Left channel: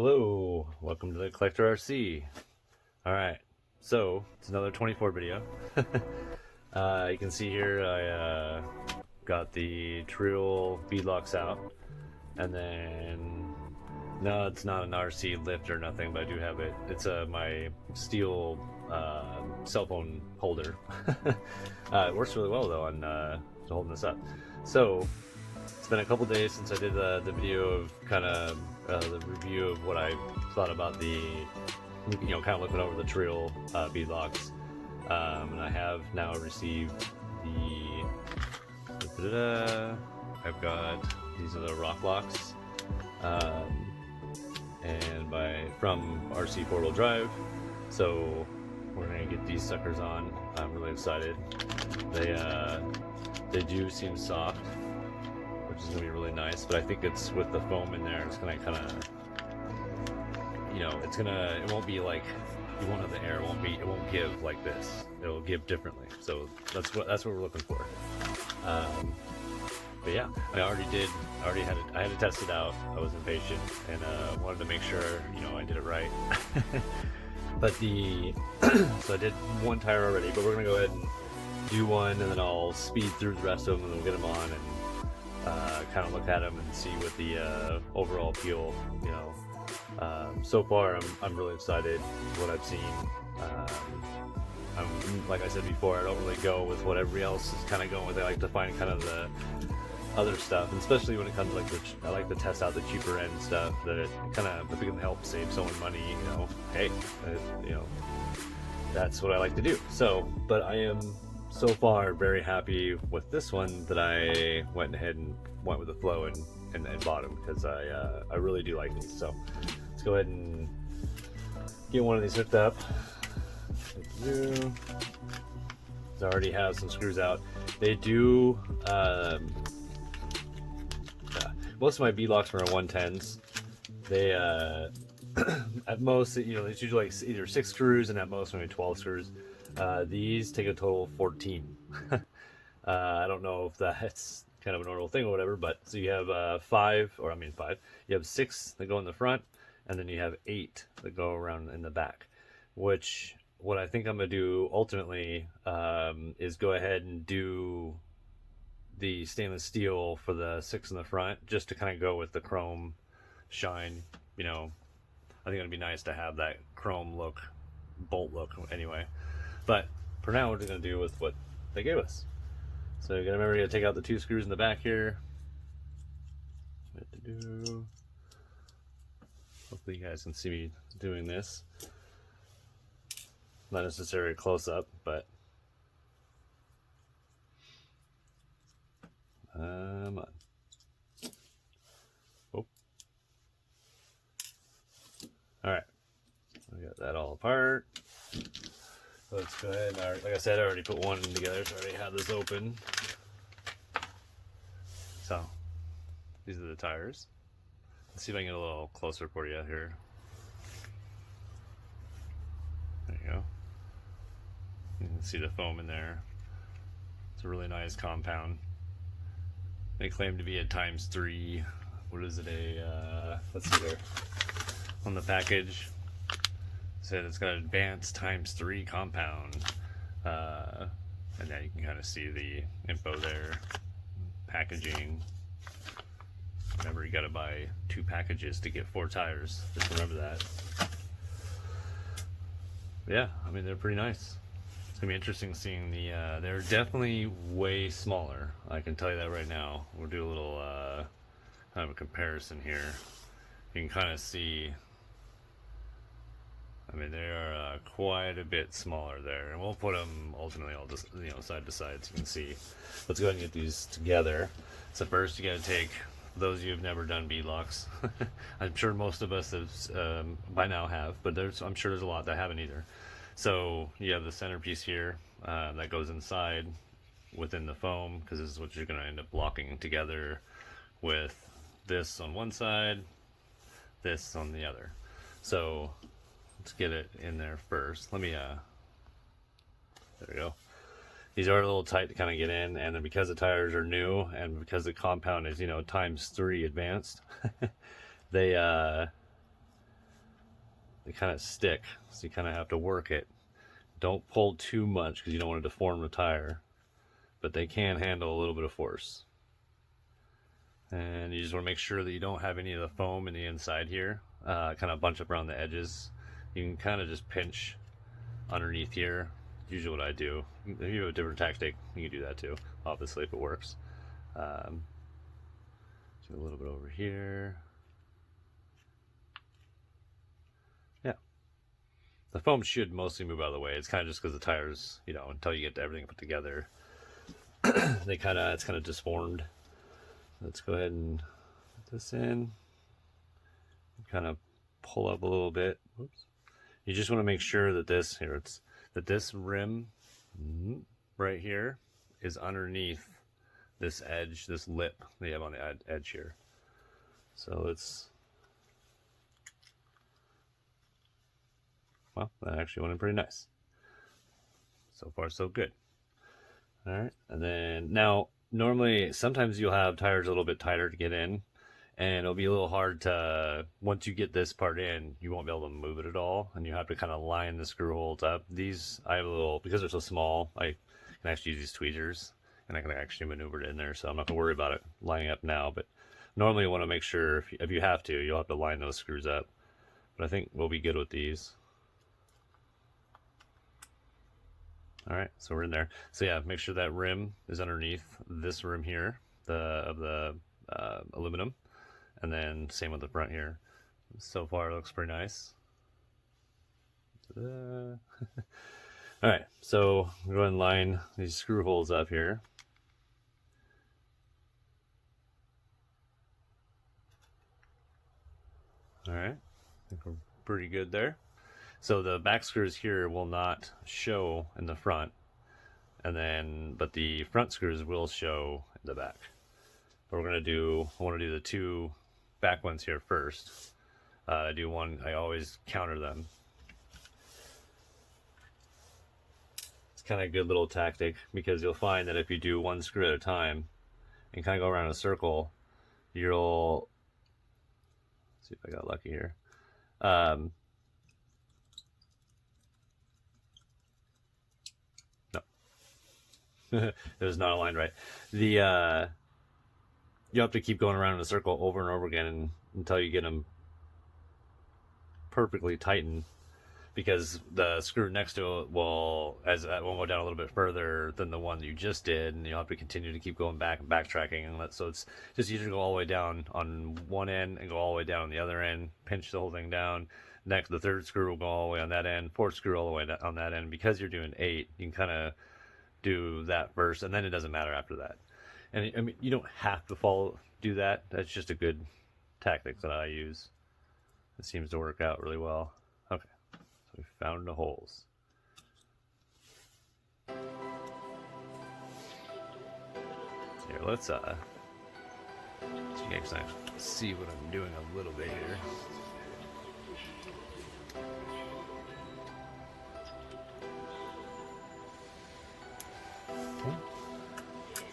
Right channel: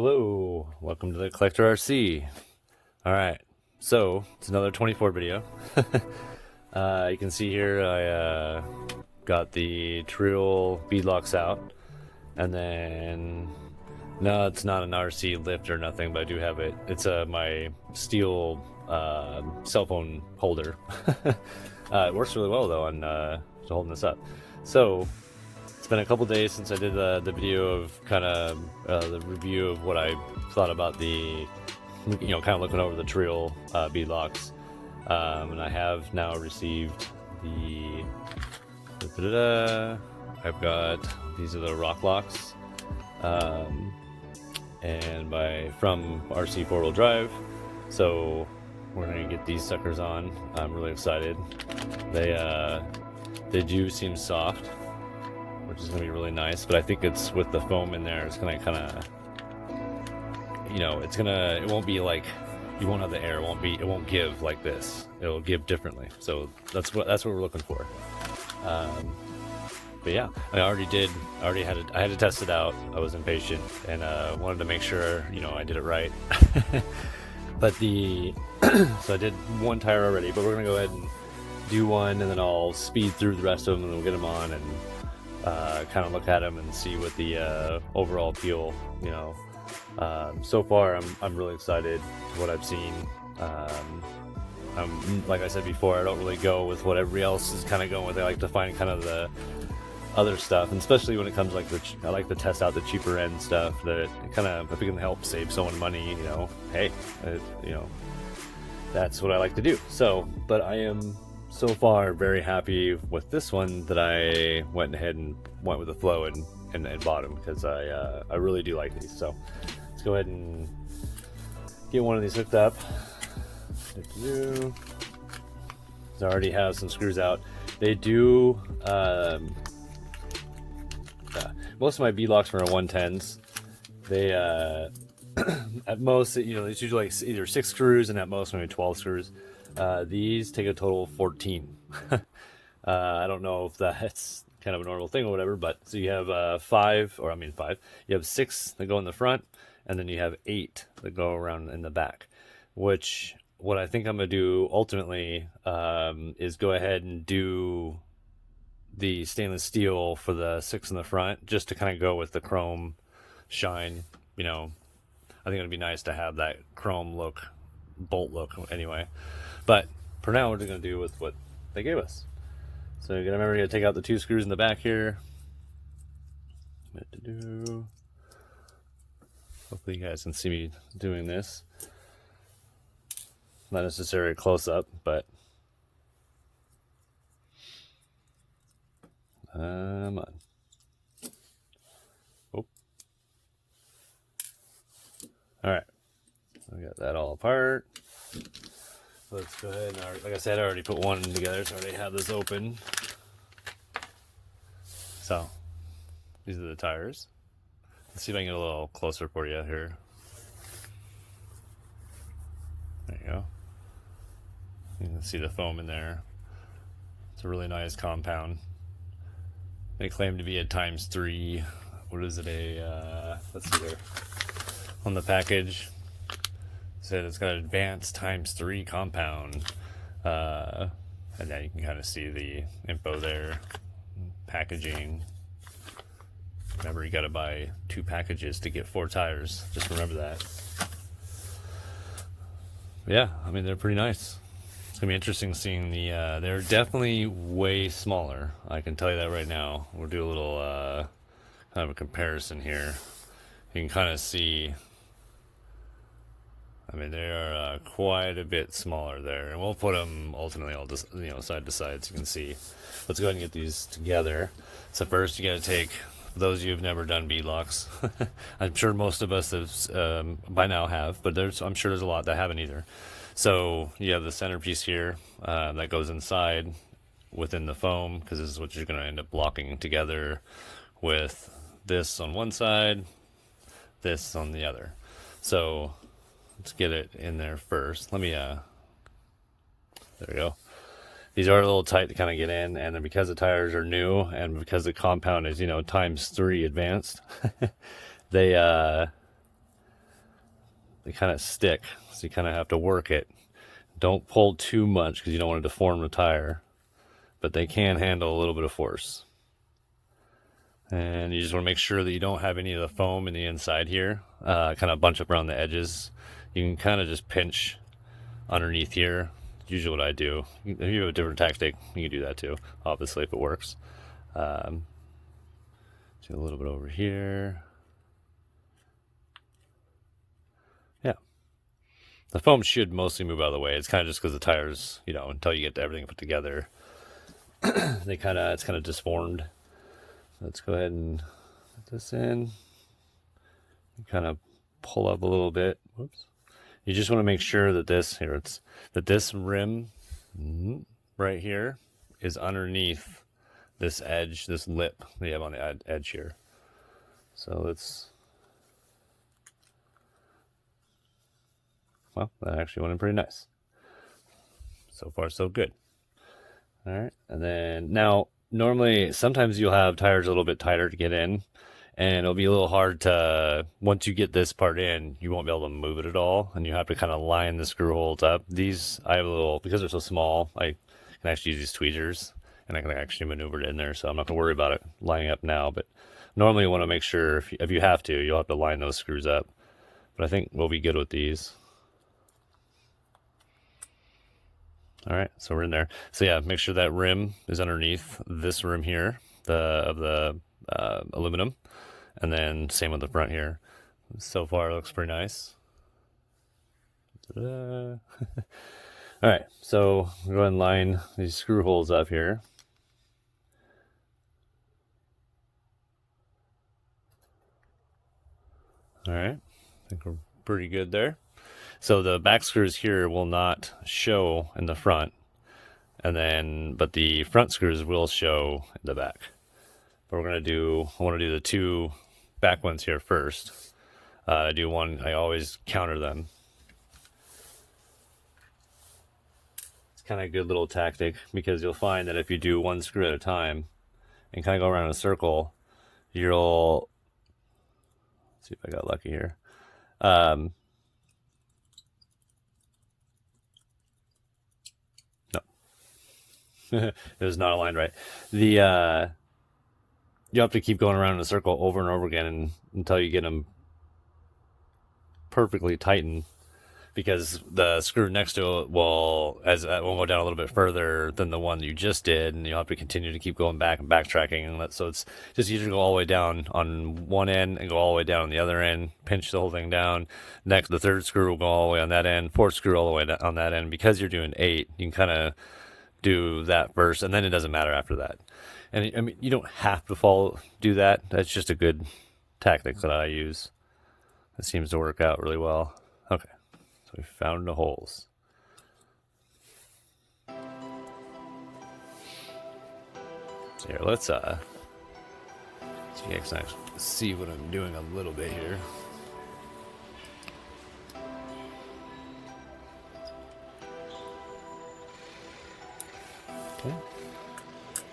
Hello, welcome to the Collector RC. Alright, so it's another 24 video. You can see here I got the Trill bead locks out, and then no, it's not an RC lift or nothing, but I do have it. It's my steel cell phone holder. It works really well though on holding this up. So it's been a couple days since I did the video of kind of the review of what I thought about the, kind of looking over the Trill bead locks, and I have now received the. I've got these are the ROK locks, and from RC4WD. So we're gonna get these suckers on. I'm really excited. They do seem soft, which is gonna be really nice. But I think it's with the foam in there, it's gonna kind of, it won't be like, you won't have the air. It won't give like this. It'll give differently. So that's what we're looking for. But yeah, I had to test it out. I was impatient and wanted to make sure I did it right. But so I did one tire already, but we're gonna go ahead and do one, and then I'll speed through the rest of them, and we'll get them on and kind of look at them and see what the overall feel. So far I'm really excited with what I've seen. Like I said before, I don't really go with what everybody else is kind of going with. I like to find kind of the other stuff, and especially when it comes I like to test out the cheaper end stuff that if it can help save someone money, hey, that's what I like to do. So, but I am so far very happy with this one that I went ahead and went with the flow and bought them, because I really do like these. So let's go ahead and get one of these hooked up. I already have some screws out. They do most of my bead locks are on 110s. They at most, it's usually like either 6 screws and at most maybe 12 screws. These take a total of 14. I don't know if that's kind of a normal thing or whatever, but so you have 5. You have 6 that go in the front, and then you have 8 that go around in the back. Which, what I think I'm gonna do ultimately is go ahead and do the stainless steel for the 6 in the front, just to kind of go with the chrome shine. I think it'd be nice to have that chrome look, bolt look anyway. But for now, we're just gonna do with what they gave us. So you're gonna remember, you gotta take out the 2 screws in the back here. Hopefully you guys can see me doing this. Not necessarily close up, but come on. Oh. All right, so we got that all apart. So let's go ahead and, like I said, I already put one together, so I already have this open. So these are the tires. Let's see if I can get a little closer for you here. There you go. You can see the foam in there. It's a really nice compound. They claim to be a ×3. What is it? Let's see there. On the package, it said it's got an advanced ×3 compound. And then you can kind of see the info there. Packaging. Remember, you got to buy 2 packages to get 4 tires. Just remember that. Yeah, I mean, they're pretty nice. It's gonna be interesting seeing they're definitely way smaller. I can tell you that right now. We'll do a little kind of a comparison here. You can kind of see, I mean, they are quite a bit smaller there, and we'll put them ultimately all just, side to side so you can see. Let's go ahead and get these together. So first, you got to take, for those of you who've never done bead locks, I'm sure most of us have, by now have, but I'm sure there's a lot that haven't either. So you have the centerpiece here that goes inside within the foam, because this is what you're going to end up blocking together with this on one side, this on the other. So let's get it in there first. Let me there we go. These are a little tight to kind of get in, and then because the tires are new and because the compound is ×3 advanced, they they kind of stick, so you kind of have to work it. Don't pull too much because you don't want to deform the tire, but they can handle a little bit of force. And you just want to make sure that you don't have any of the foam in the inside here, kind of bunch up around the edges. You can kind of just pinch underneath here. Usually what I do. If you have a different tactic, you can do that too, obviously, if it works. Do a little bit over here. Yeah. The foam should mostly move out of the way. It's kind of just because the tires, you know, until you get everything put together, it's kind of disformed. Let's go ahead and put this in. Kind of pull up a little bit. Whoops. You just want to make sure that this rim right here is underneath this edge, this lip that you have on the edge here. So it's, well, that actually went in pretty nice. So far, so good. All right, and then now, normally, sometimes you'll have tires a little bit tighter to get in, and it'll be a little hard to, once you get this part in, you won't be able to move it at all, and you have to kind of line the screw holes up. These, I have a little, because they're so small, I can actually use these tweezers, and I can actually maneuver it in there, so I'm not going to worry about it lining up now, but normally you want to make sure, if you have to, you'll have to line those screws up, but I think we'll be good with these. All right, so we're in there. So yeah, make sure that rim is underneath this rim here, of the aluminum, and then same with the front here. So far, it looks pretty nice. All right, so we'll go ahead and line these screw holes up here. All right, I think we're pretty good there. So the back screws here will not show in the front, but the front screws will show in the back. But I want to do the two back ones here first. I always counter them. It's kind of a good little tactic, because you'll find that if you do one screw at a time and kind of go around in a circle, let's see if I got lucky here. It was not aligned right. You have to keep going around in a circle over and over again until you get them perfectly tightened, because the screw next to it will go down a little bit further than the one you just did, and you'll have to continue to keep going back and backtracking, and so it's just easier to go all the way down on one end and go all the way down on the other end, pinch the whole thing down. Next, the third screw will go all the way on that end, fourth screw all the way on that end. Because you're doing 8, you can kind of do that first, and then it doesn't matter after that. And I mean, you don't have to do that. That's just a good tactic that I use. It seems to work out really well. Okay, so we found the holes. So here, let's so you guys can see what I'm doing a little bit here.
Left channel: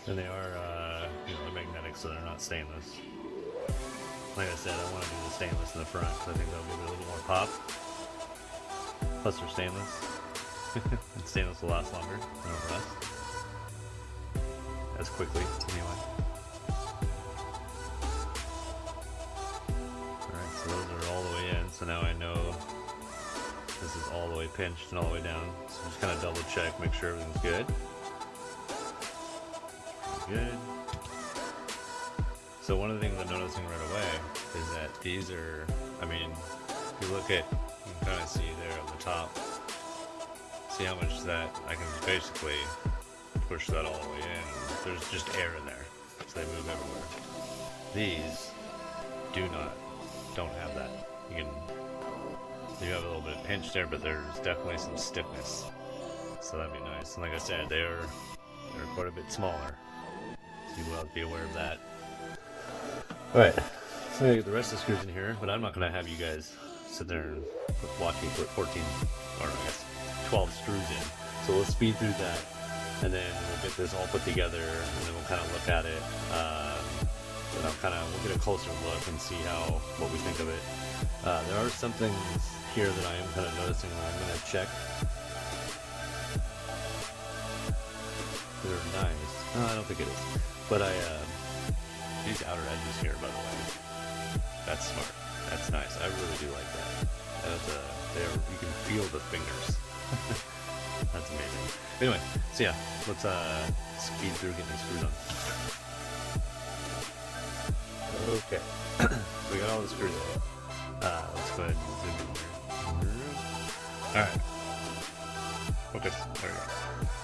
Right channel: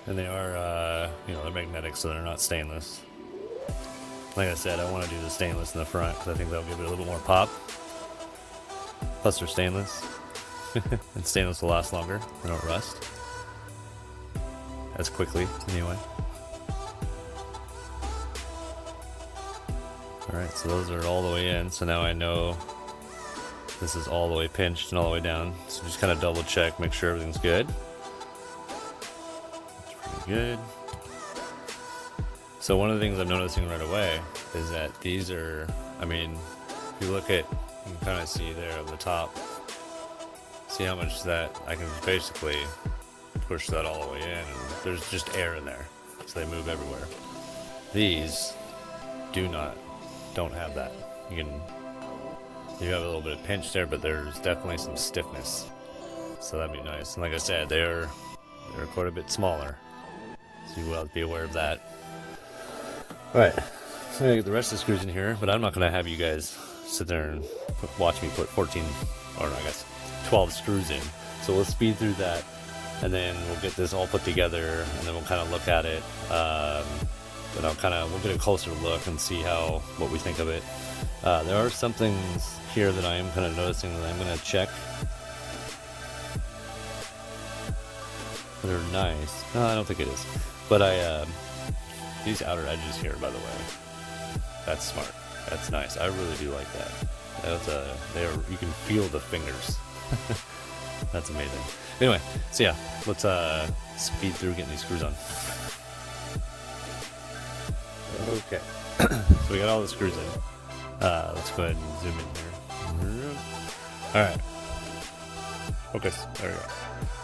And they are, they're magnetic, so they're not stainless. Like I said, I want to do the stainless in the front because I think that'll give it a little bit more pop. Plus, they're stainless, and stainless will last longer. They don't rust as quickly, anyway. All right, so those are all the way in. So now I know this is all the way pinched and all the way down. So just kind of double check, make sure everything's good. Good. So one of the things I'm noticing right away is that these are, I mean, if you look at, you can kind of see there at the top, see how much that I can basically push that all the way in. There's just air in there, so they move everywhere. These don't have that. You have a little bit of pinch there, but there's definitely some stiffness. So that'd be nice. And like I said, they're quite a bit smaller. So you will have to be aware of that. Alright, so I'm going to get the rest of the screws in here, but I'm not going to have you guys sit there and watch me put 12 screws in. So we'll speed through that, and then we'll get this all put together, and then we'll kind of look at it, and we'll get a closer look and see what we think of it. There are some things here that I am kind of noticing that I'm going to check. They're nice. No, I don't think it is. But these outer edges here, by the way, that's smart. That's nice. I really do like that. You can feel the fingers. That's amazing. Anyway, so yeah, let's speed through getting these screws on. Okay, so we got all the screws in. Let's go ahead and zoom in here. Alright. Focus. There we go.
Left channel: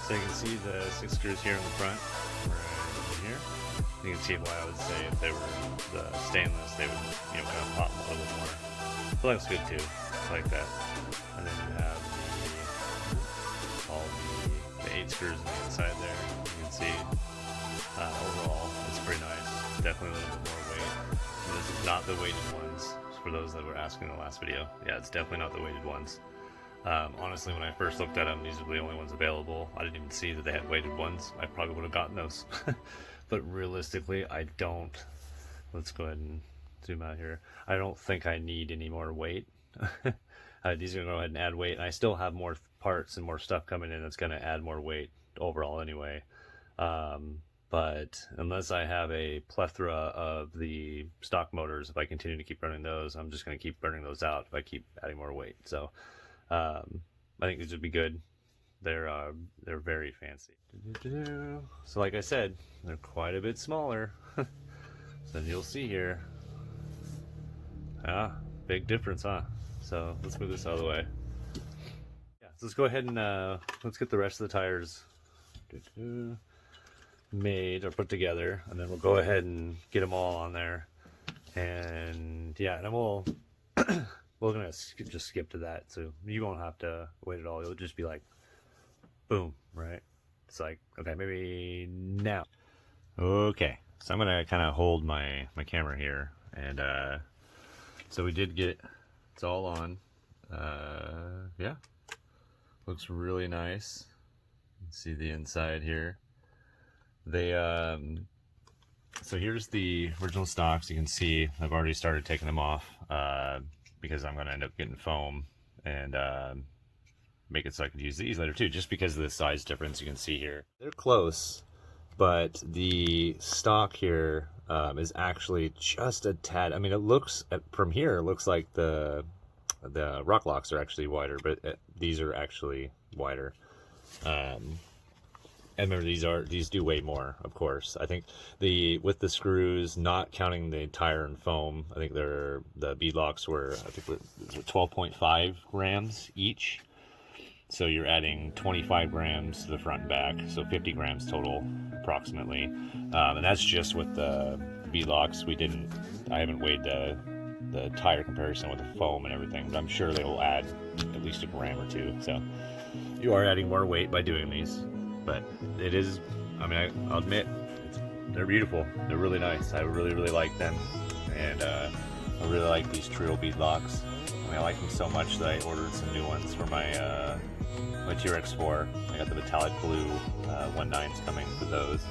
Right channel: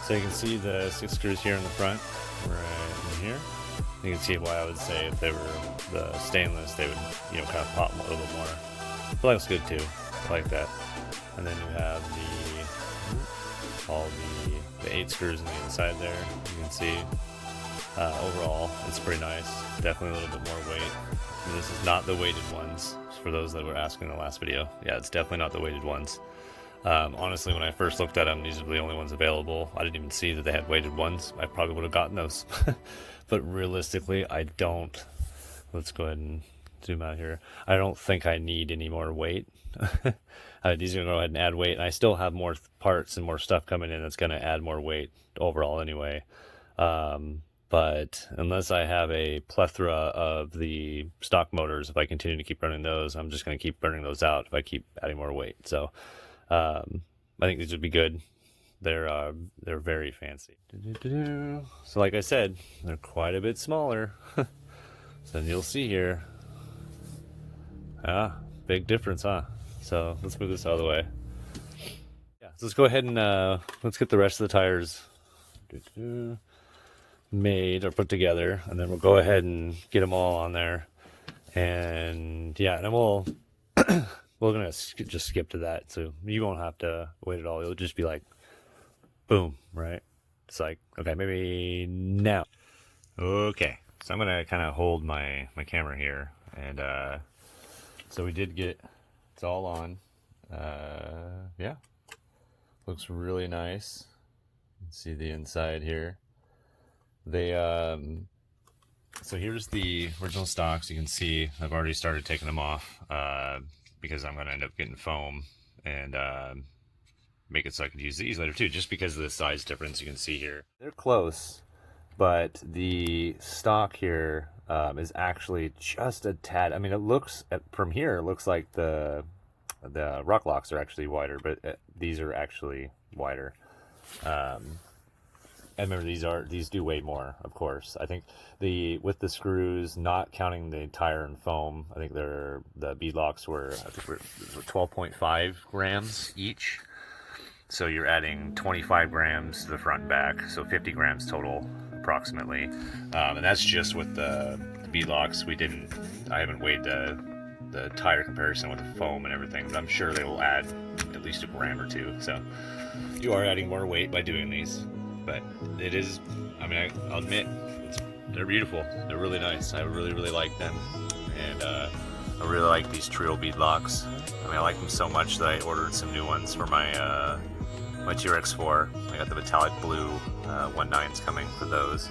So you can see the 6 screws here in the front, right in here. You can see why I would say if they were the stainless, they would, kind of pop a little bit more. So that looks good too. I like that. And then you have all the 8 screws on the inside there. You can see overall it's pretty nice. Definitely a little bit more weight. And this is not the weighted ones. For those that were asking in the last video, yeah, it's definitely not the weighted ones. Honestly, when I first looked at them, these are the only ones available. I didn't even see that they had weighted ones. I probably would have gotten those. But realistically, I don't. Let's go ahead and zoom out here. I don't think I need any more weight. These are going to go ahead and add weight. And I still have more parts and more stuff coming in that's going to add more weight overall anyway. But unless I have a plethora of the stock motors, if I continue to keep running those, I'm just going to keep burning those out if I keep adding more weight. So I think these would be good. They're very fancy. So like I said, they're quite a bit smaller. So you'll see here. Big difference, huh? So let's move this out of the way. Yeah, so let's go ahead and let's get the rest of the tires made or put together, and then we'll go ahead and get them all on there. And yeah, and then we're gonna just skip to that, so you won't have to wait at all. It'll just be like boom, right? It's like, okay, maybe now. Okay, so I'm gonna kind of hold my camera here, and so we did get it's all on. Yeah, looks really nice. You can see the inside here. They so here's the original stocks. You can see I've already started taking them off because I'm going to end up getting foam and make it so I could use these later too, just because of the size difference. You can see here they're close, but the stock here is actually just a tad. I mean, it looks from here, it looks like the ROK locks are actually wider, but these are actually wider. And remember, these do weigh more, of course. I think with the screws, not counting the tire and foam, I think the bead locks were 12.5 grams each. So you're adding 25 grams to the front and back, so 50 grams total, approximately. And that's just with the bead locks. I haven't weighed the tire comparison with the foam and everything, but I'm sure they will add at least a gram or two. So you are adding more weight by doing these. But it is, I mean, I'll admit, they're beautiful. They're really nice. I really, really like them. And I really like these trio bead locks. I mean, I like them so much that I ordered some new ones for my TRX4. I got the metallic blue 1.9s coming for those.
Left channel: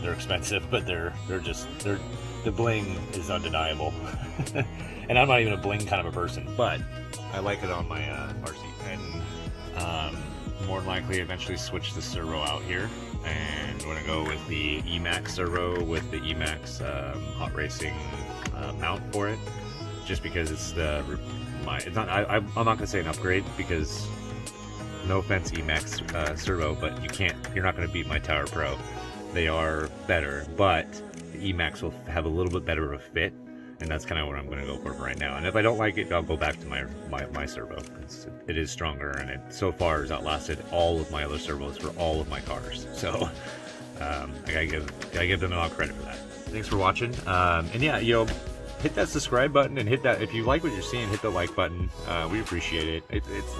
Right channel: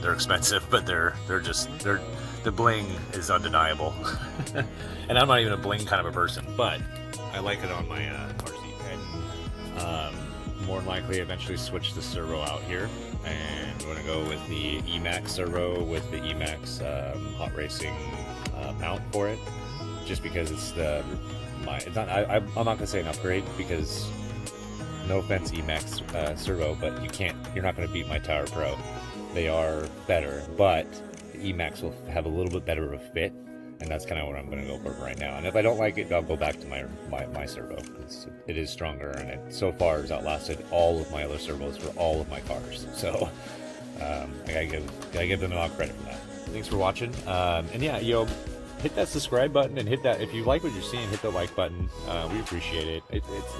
They're expensive, but they're the bling is undeniable. And I'm not even a bling kind of a person, but I like it on my RC. And more than likely eventually switch the servo out here, and we're gonna go with the Emax servo with the Emax hot racing mount for it, just because it's I'm not gonna say an upgrade, because no offense Emax servo, but you're not gonna beat my Tower Pro. They are better, but the Emax will have a little bit better of a fit, and that's kind of what I'm going to go for right now. And if I don't like it, I'll go back to my servo. It is stronger, and it so far has outlasted all of my other servos for all of my cars. So I gotta give them a lot of credit for that. Thanks for watching. And yeah, hit that subscribe button, and hit that if you like what you're seeing. Hit the like button. We appreciate it.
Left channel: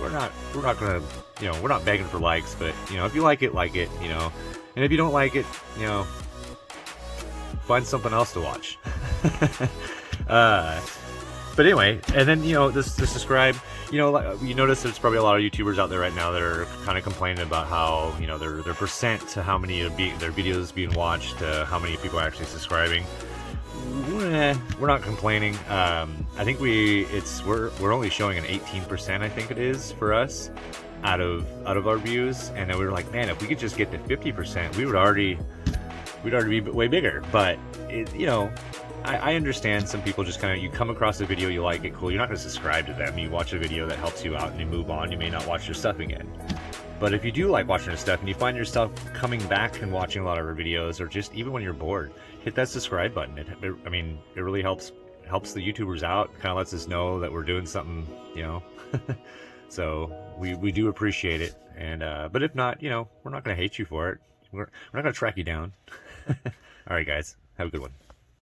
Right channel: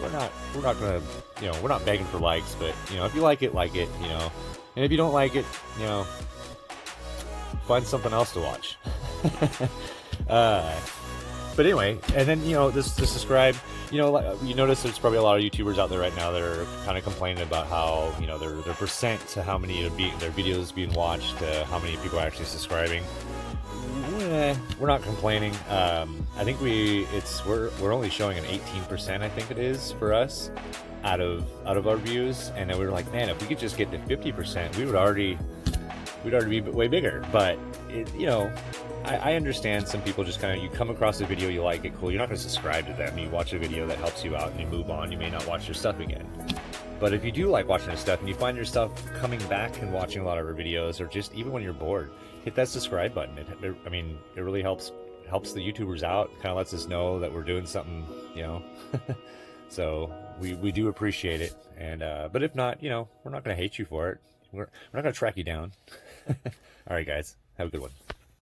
We're not gonna we're not begging for likes, but if you like it, and if you don't like it, find something else to watch. But anyway, and then just subscribe. You notice there's probably a lot of YouTubers out there right now that are kind of complaining about how their percent to how many of their videos being watched, to how many people are actually subscribing. we're not complaining. I think we're only showing an 18%, I think it is, for us out of our views, and then we were like, man, if we could just get to 50%, we'd already be way bigger. But you know, I understand some people just kind of, you come across a video, you like it, cool, you're not going to subscribe to them. You watch a video that helps you out and you move on. You may not watch their stuff again. But if you do like watching their stuff and you find yourself coming back and watching a lot of our videos, or just even when you're bored, hit that subscribe button. I mean, it really helps the YouTubers out. Kind of lets us know that we're doing something, you know. So we do appreciate it. And but if not, you know, we're not going to hate you for it. We're not going to track you down. All right, guys, have a good one.